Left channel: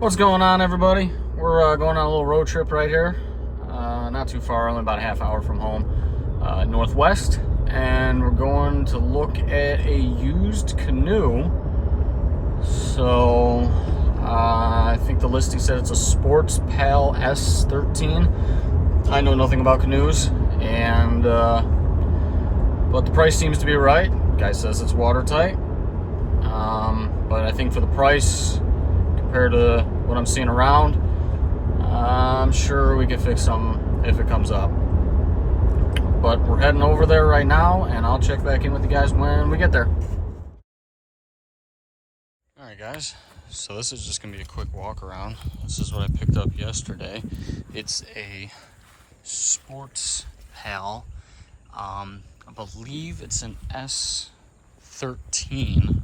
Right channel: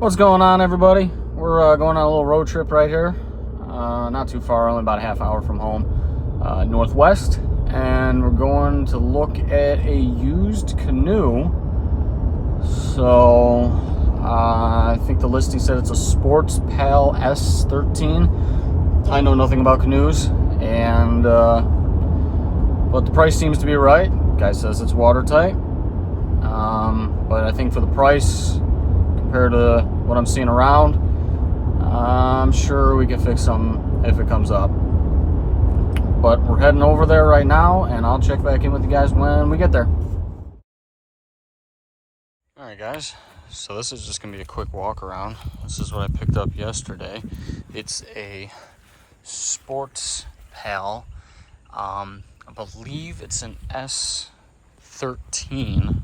What's going on, everybody? We're going on a little road trip right here. Not too far, only about a half hour from home, northwest. And we're going to look at a used canoe. So, I think the listing said it's a Sports Pal S13. I know nothing about canoes, and but the price seems to be right. Guy says it's watertight. But I think for the price, compared to what I'm seeing around, I'm sure we can fix some if it comes up. But we're heading over there right now, and I'll check back in with you guys when we get there. All right, guys, so this is just gonna be a quick walk around. This is what I picked up yesterday. It's a Sports Pal. I believe it's an S13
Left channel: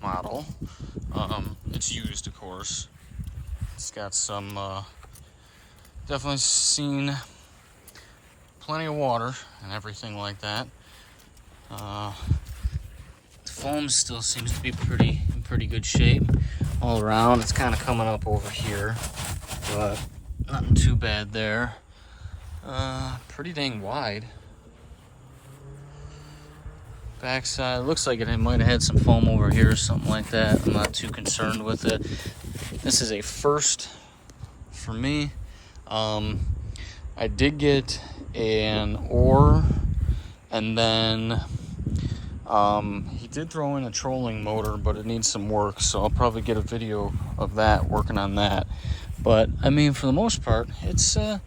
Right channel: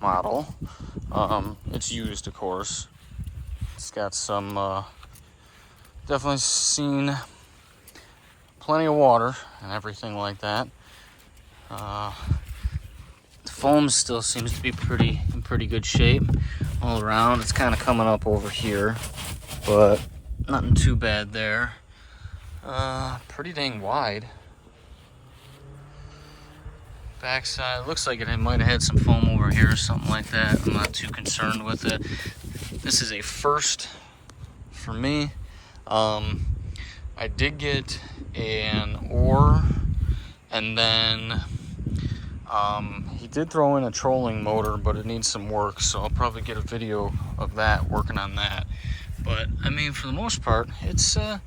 model. It's used, of course. It's got some, definitely seen plenty of water and everything like that. The foam still seems to be in pretty good shape all around. It's kind of coming up over here, but nothing too bad there. Pretty dang wide. Backside looks like it might have had some foam over here or something like that. I'm not too concerned with it. This is a first for me. I did get an oar, and then he did throw in a trolling motor, but it needs some work, so I'll probably get a video of that, working on that. But I mean, for the most part, it's not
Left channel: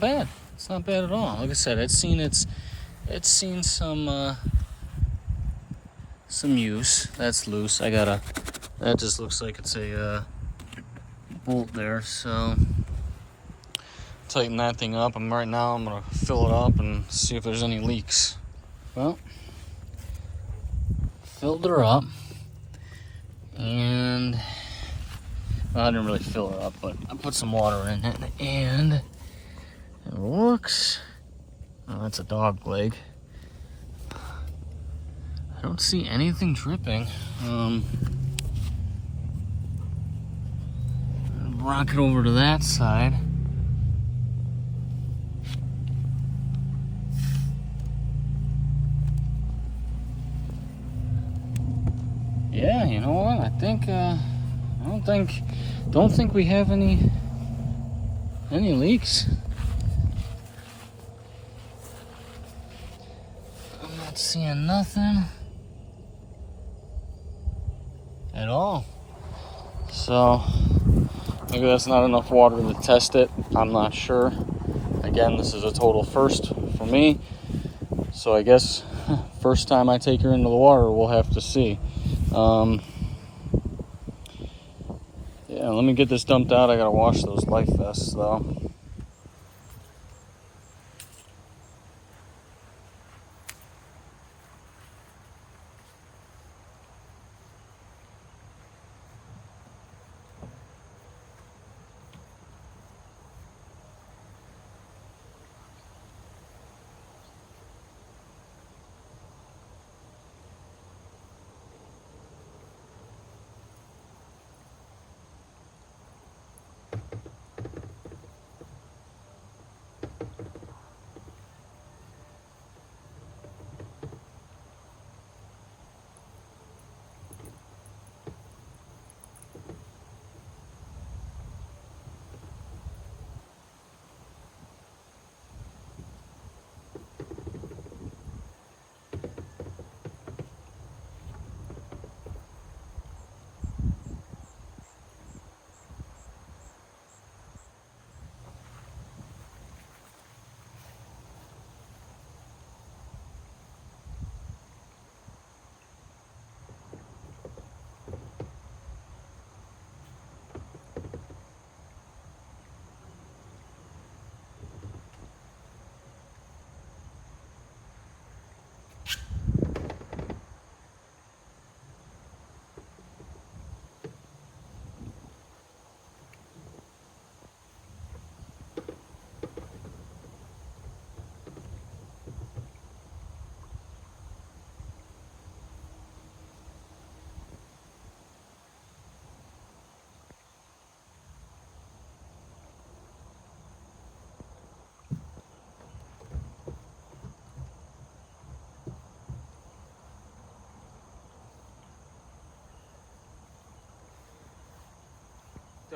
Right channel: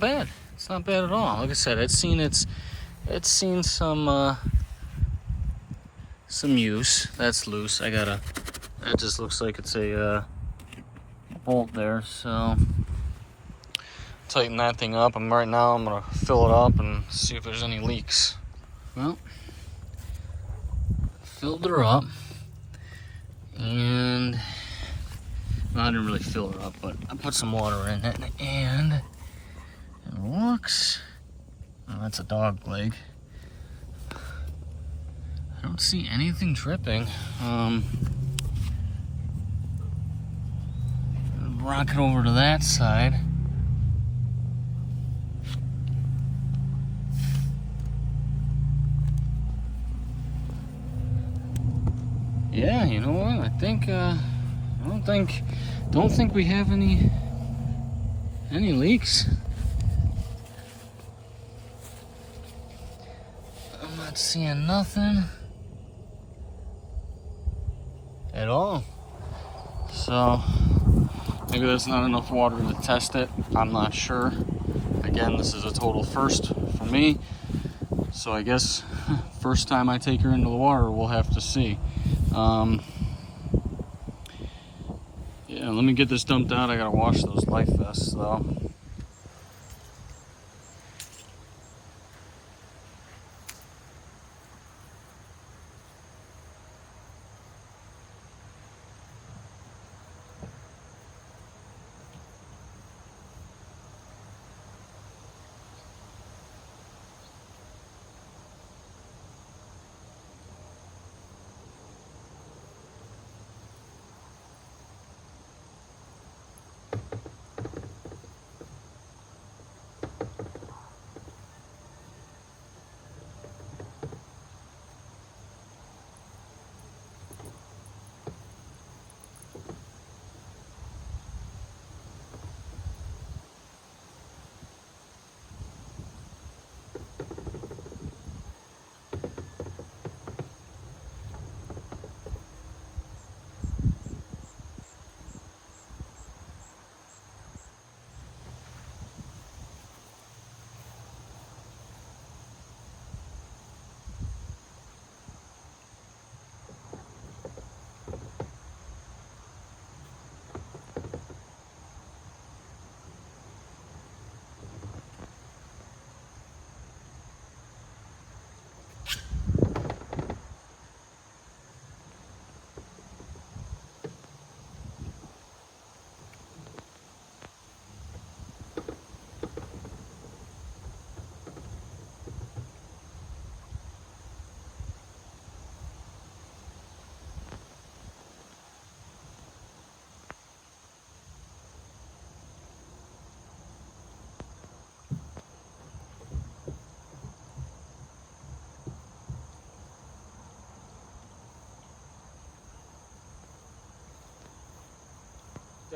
bad. It's not bad at all. Like I said, it's seen some use. That's loose. That just looks like it's a bolt there, so tighten that thing up. Right now I'm gonna fill it up and see if there's any leaks. Well, filled her up, and well, I didn't really fill her up, but I put some water in it, and it looks, oh, that's a dog leg. I don't see anything dripping. Rock it over to that side. Yeah, you know what? I think don't think we have any leaks. I'm not seeing nothing at all. So maybe that's not enough water to test it. I'm not sure. Again, this is a total first for me. So I guess first time I take her into the water, we'll have to see. Yeah, let me get this dumped out. I gotta wash those life vests though.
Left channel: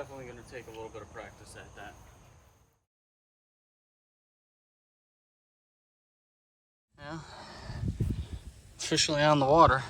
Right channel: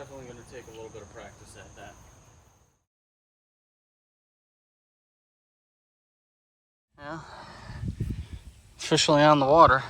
definitely going to take a little bit of practice at that. Yeah, officially on the water.